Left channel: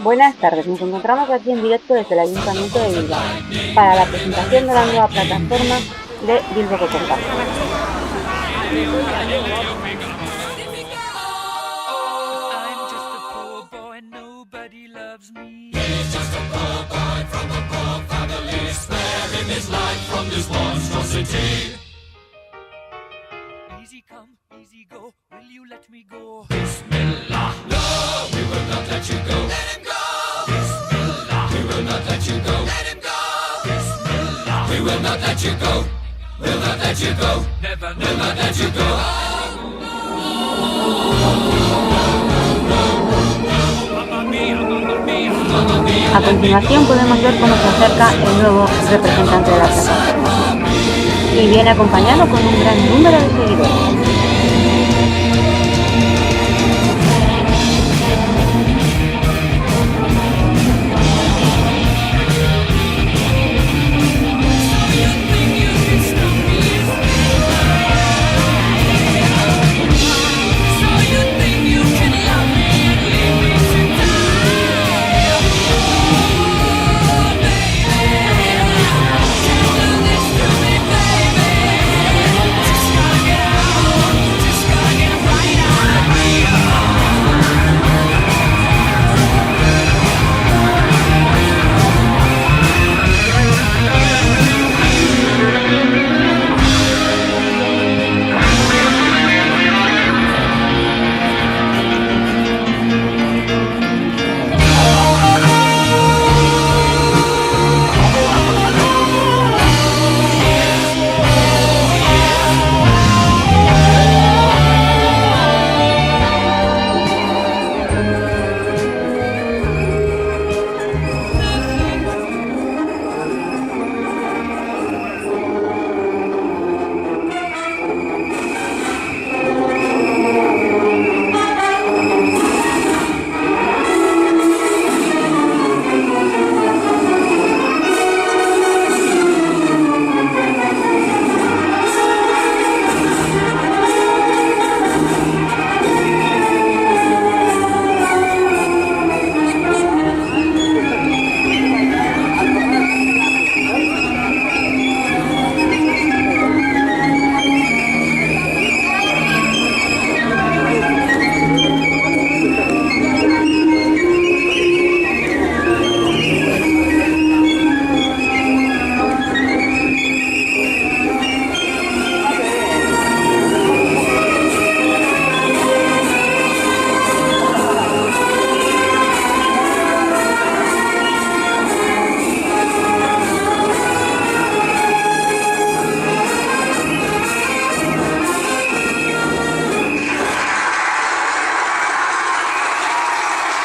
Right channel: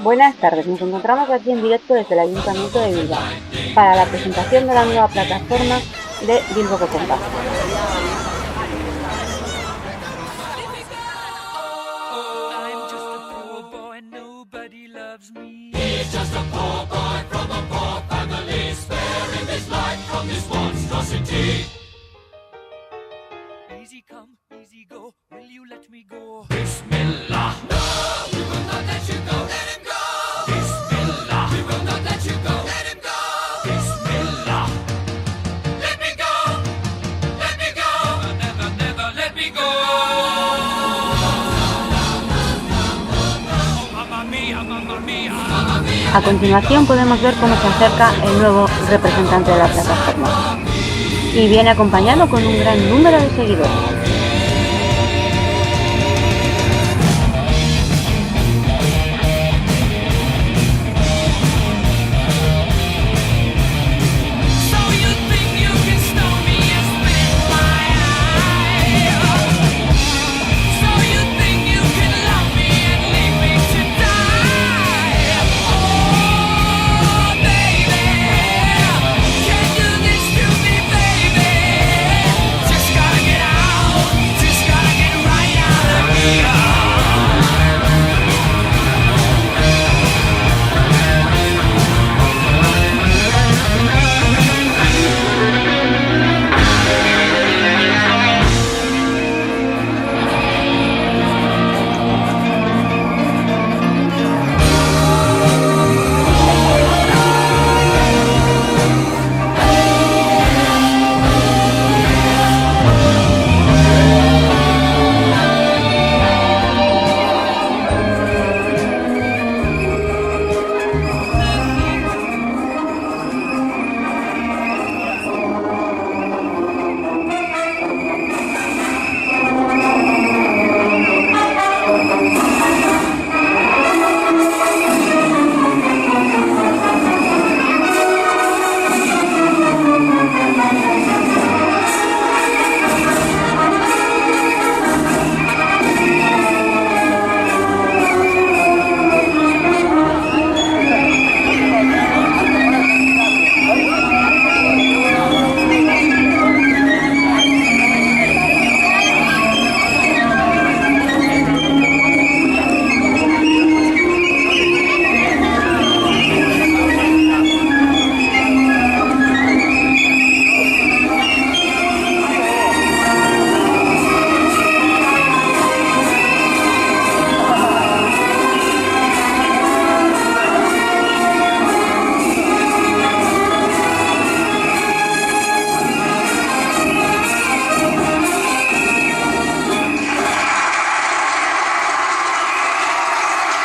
Buenas tardes, nos encontramos aquí en directo desde el Ayuntamiento de Bilbao para la presentación de la nueva plataforma de Bilbo Compact. Easy come, easy go, will you let me go? Bismillah, no, we will not let you go. Let him go! Bismillah, we will not let you go. Let him go! Bismillah, we will not let you go. Let me go! We'll not let you go. Let me go! We'll not let you go. Let me go! Oh, mamma mia, mamma mia, mamma mia. A continuación podemos ver cómo se acerca el nuevo representante de la plataforma. Y viene acompañado con un gran número de seguidores.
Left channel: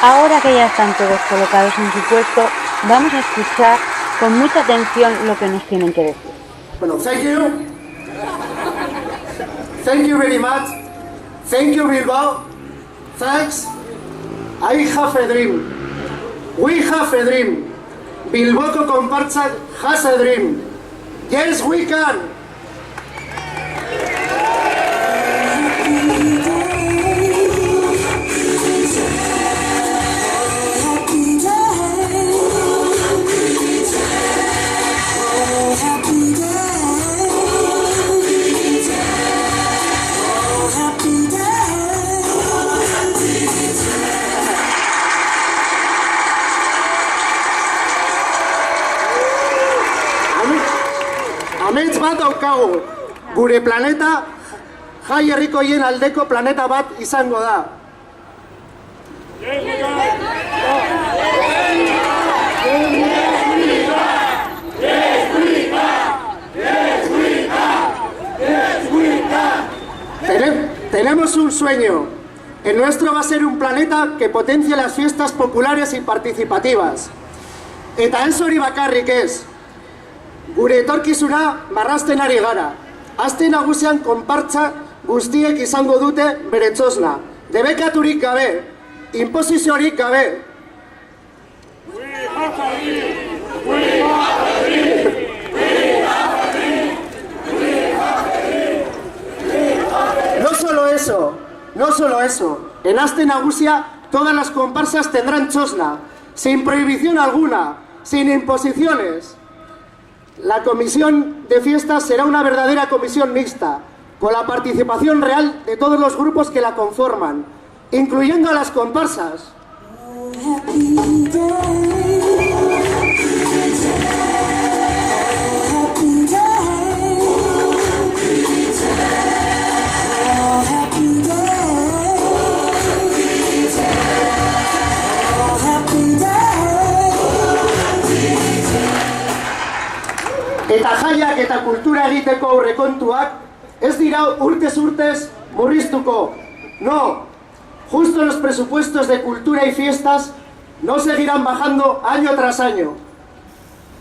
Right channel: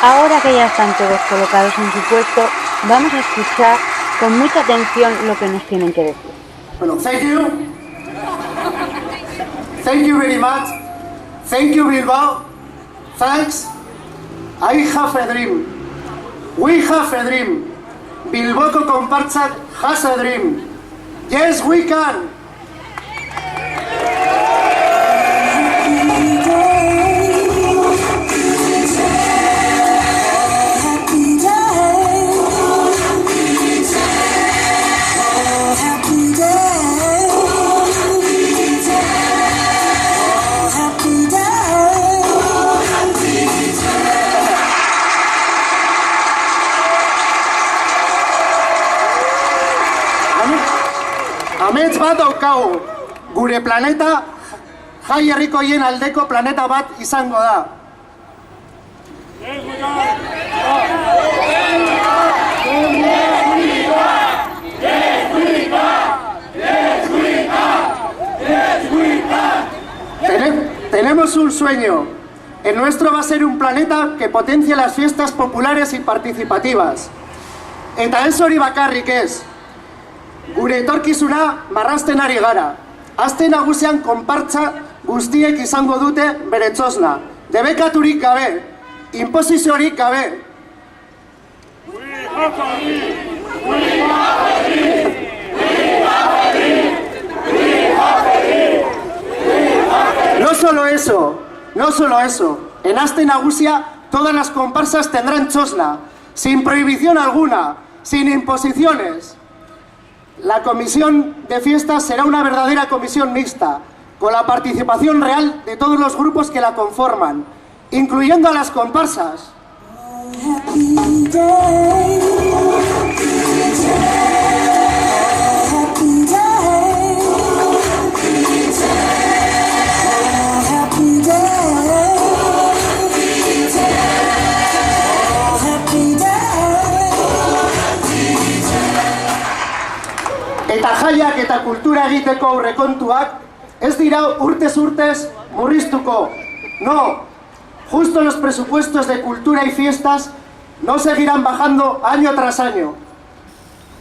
Ahora que ya están todos colocados en su puesto, vamos a escuchar con mucha atención lo que nos tienen que decir. Bueno, thank you. Thank you very much. Thank you, Bilbao. Thanks. I have a dream. We have a dream. Bilboko Konpartsak has a dream. Yes, we can. Amets bat daukagu, gure planeta jai herrikoien aldeko planeta bat izango da. Tenemos un sueño. El nuestro va a ser un planeta que potencie las fiestas populares y participativas. Eta ez hori bakarrik ez. Gure etorkizuna marrazten ari gara. Aste nagusian konpartsa guztiek izango dute bere txosna. Debekaturik gabe, inposiziorik gabe. No solo eso. En aste nagusia Todas las comparsas tendrán chosna, sin prohibición alguna, sin imposiciones. La comisión de fiestas será una verdadera comisión mixta, con la participación real de todos los grupos que la conforman, incluyendo a las comparsas. Eta jaiak eta kultura egiteko aurrekontuak ez dira urtez murriztuko. No, justo los presupuestos de cultura y fiestas no seguirán bajando año tras año.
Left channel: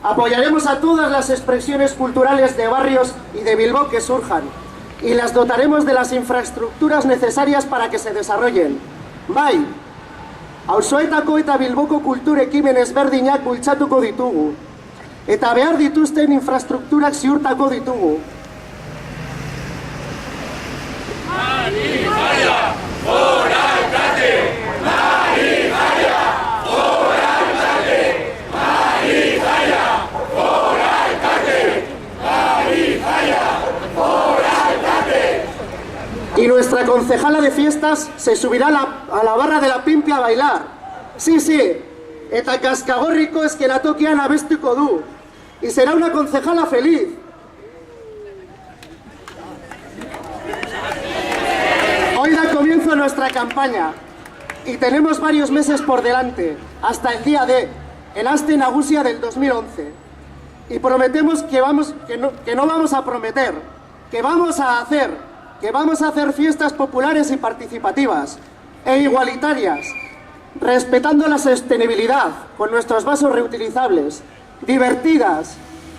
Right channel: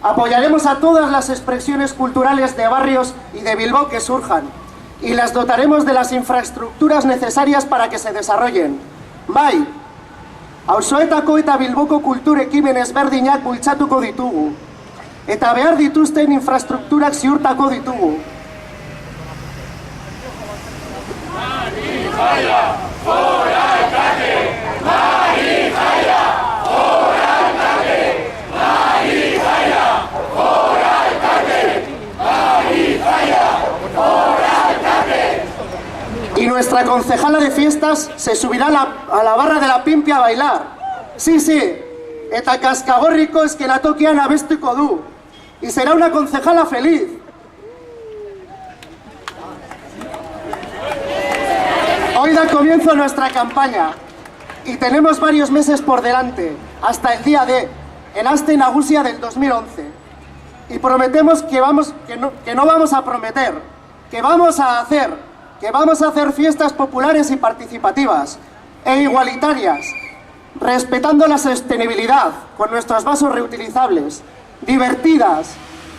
Apoyaremos a todas las expresiones culturales de barrios y de Bilbao que surjan y las dotaremos de las infraestructuras necesarias para que se desarrollen. Bai, auzoetako eta Bilboko kultur ekimen ezberdinak bultzatuko ditugu. Eta behar dituzten infrastrukturak ziurtako ditugu. Marifaia, fora alkate! Marifaia, fora alkate! Marifaia, fora alkate! Marifaia, fora alkate! Y nuestra concejala de fiestas se subirá a la barra de la Pimpia a bailar. Sí, eta kaskagorriko eskenatokian abestuko du. Y será una concejala feliz. Hoy da comienzo nuestra campaña y tenemos varios meses por delante, hasta el día D, el Aste Nagusia del 2011. Y prometemos que no vamos a prometer, que vamos a hacer fiestas populares y participativas e igualitarias, respetando la sostenibilidad con nuestros vasos reutilizables, divertidas,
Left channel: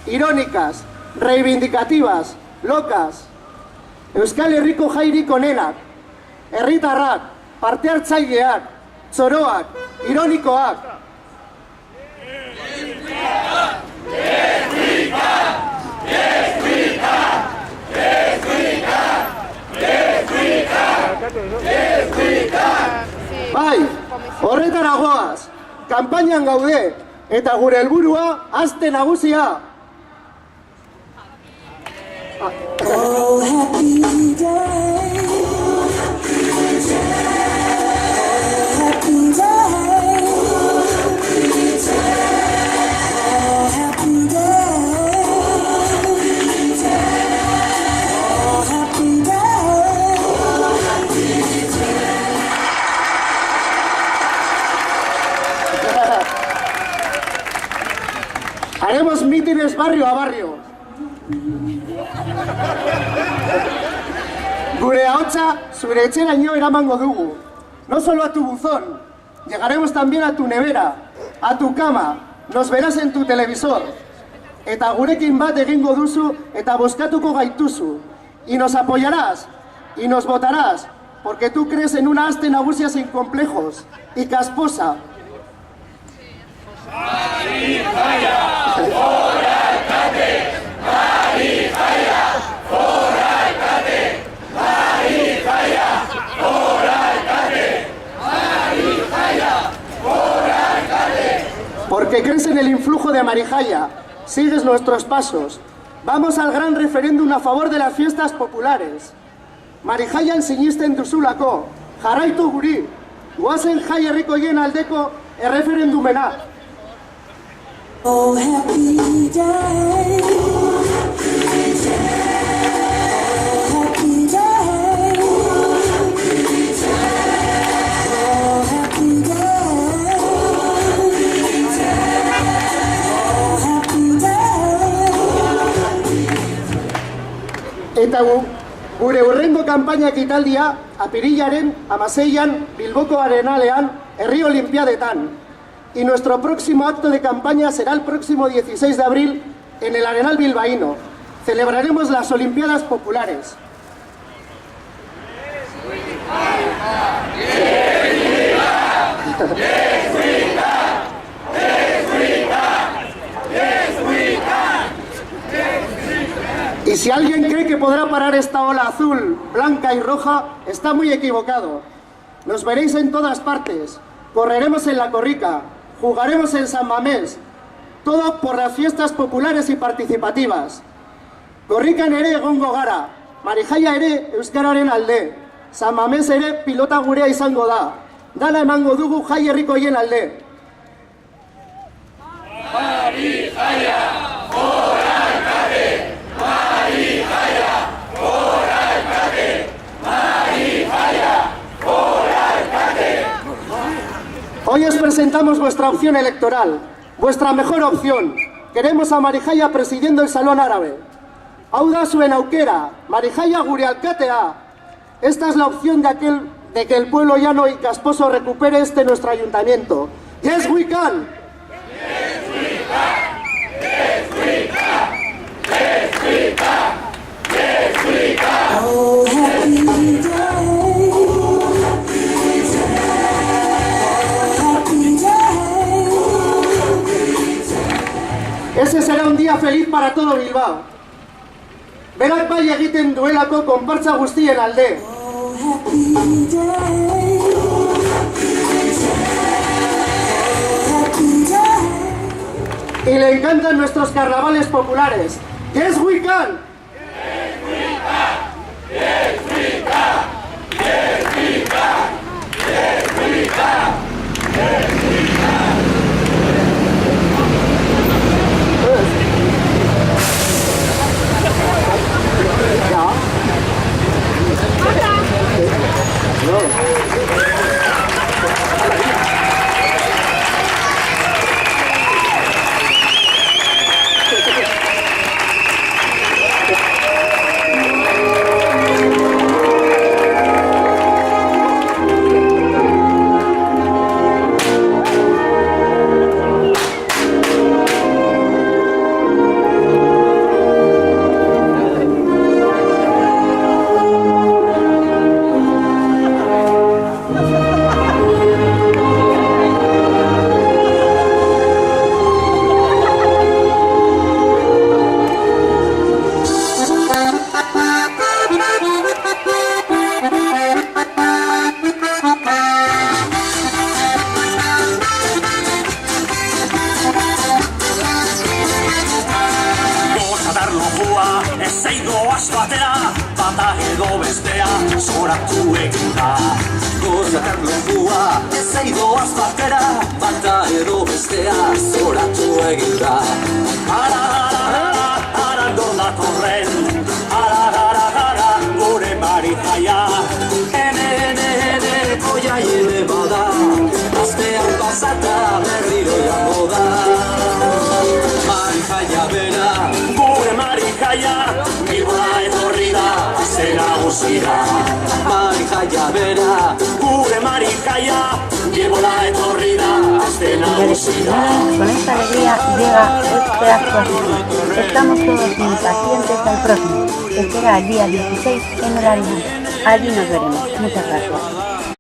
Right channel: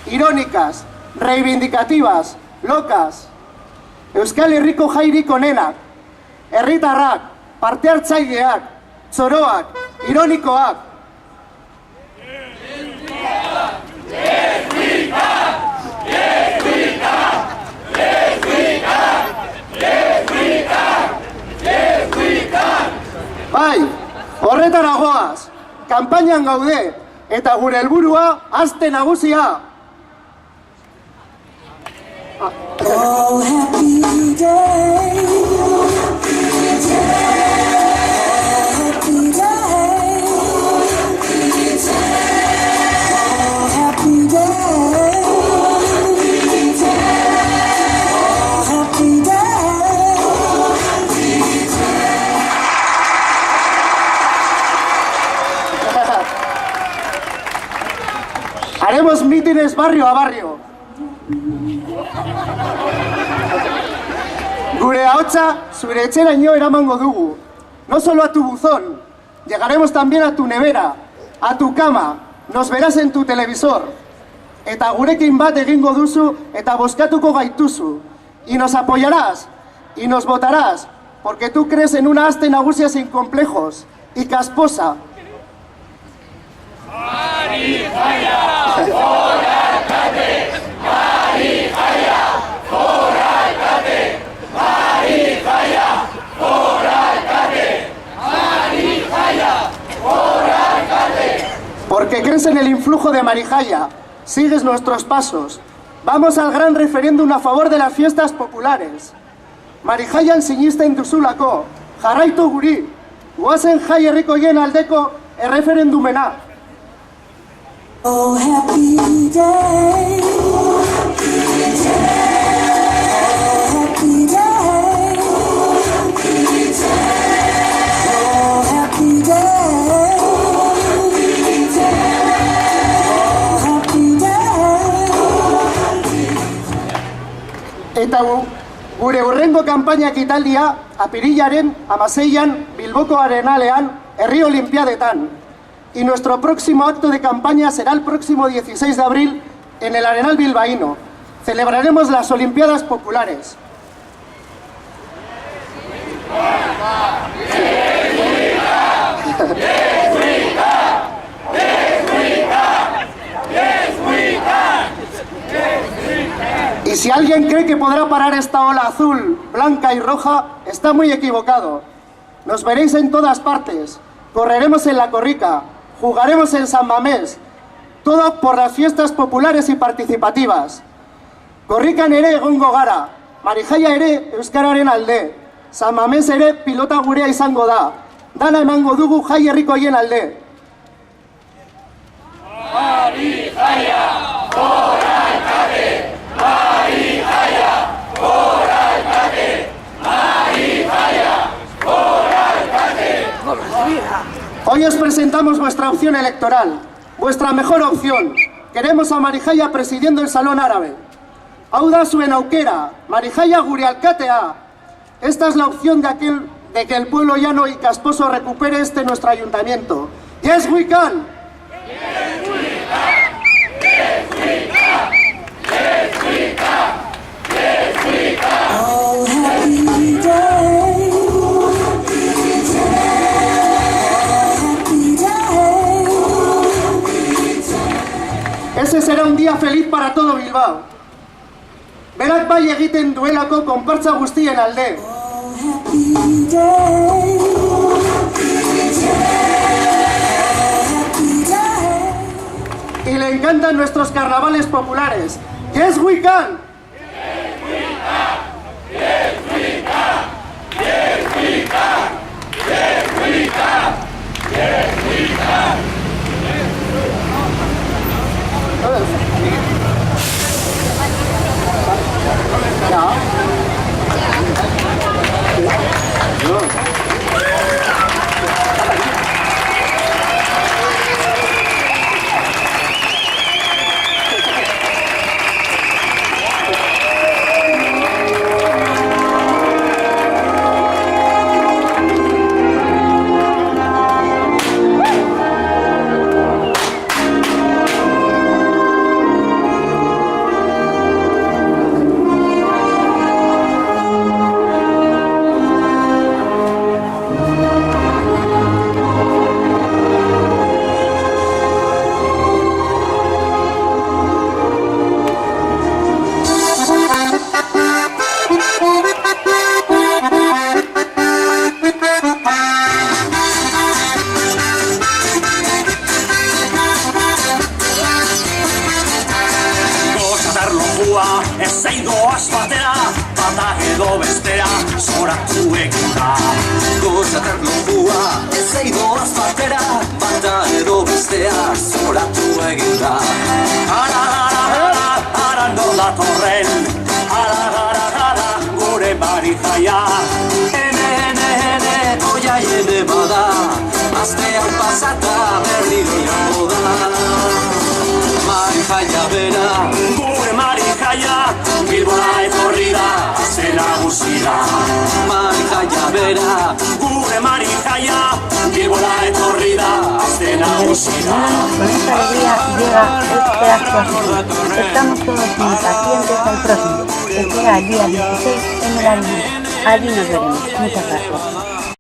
irónicas, reivindicativas, locas. Euskal Herriko jairik onenak, herritarrak, parte hartzaileak, txoroak, ironikoak. Bai, horretara goaz, kanpainan gaude, eta gure helburua Aste Nagusia. Oh, happy day. Happy day. Oh, happy day. Oh, happy day. Haremos mítines barrio a barrio. Gure ahotsa zure etxeraino eramango dugu. No solo a tu buzón, llegaremos también a tu nevera, a tu cama, nos verás en tu televisor. Eta gurekin bat egingo duzu eta bozkatuko gaituzu. Y nos apoyarás, y nos votarás, porque tú crees en una Aste Nagusia sin complejos, y casposa. Marifaia, fora alkate! Marifaia, fora alkate! Marifaia, fora alkate! Marifaia, fora alkate! Porque crees en el influjo de Marijaia, sigues nuestros pasos. Vamos al gran referéndum a favor de las fiestas populares. Marijaian sinisten duzulako, jarraitu guri, guazen jai herrikoien aldeko erreferendumena. Oh, happy day. Oh, happy day. Oh, happy day. Oh, happy day. Eta gure hurrengo kanpaina ekitaldia apirilaren 16an Bilboko Arenalean Herri Olimpiadetan. Y nuestro próximo acto de campaña será el próximo 16 de abril en el Arenal Bilbaíno. Celebraremos las Olimpiadas Populares. Y si alguien cree que podrá parar esta ola azul, blanca y roja, está muy equivocado. Nos veréis en todas partes. Correremos en la Corrica, jugaremos en San Mamés. Todo por las fiestas populares y participativas. Korrikan ere egongo gara, Marijaia ere euskararen alde. San Mamés ere pilota gurea izango da. Dana emango dugu jai herrikoien alde. Hoy os presentamos vuestra opción electoral, vuestra mejor opción. Queremos a Marijaia presidiendo el Salón Árabe. Hau da zuen aukera, Marijaia gure alkatea. Esta es la opción de que el pueblo llano y casposo recupere nuestro ayuntamiento. Yes, we can. Yes, we can. Yes, we can. Yes, we can. Yes, we can. Oh, happy day. Ese será un día feliz para todo Bilbao. Berak bai egiten duelako konpartza guztien alde. Oh, happy day. Happy day. Y le encantan nuestros carnavales populares. Yes, we can. Ezeidoaz batera, bata edo bestea, zoratu egin da. Gozatar lukua, ezeidoaz batera, bata edo bestea, zoratu egin da. Ara nola torren, ara, gure Marijaia. Ene, koia ene bada, aztean pasata berriro jango da. Marijaia bera, gure Marijaia, Bilbora etorri da, azte nagusira. Marijaia bera, gure Marijaia, Bilbora etorri da, azte nagusira. Con esta alegría llega este acto así. Estamos todos impacientes al próximo, que será el día 16 en el Arena. Allí nos veremos. Muchas gracias.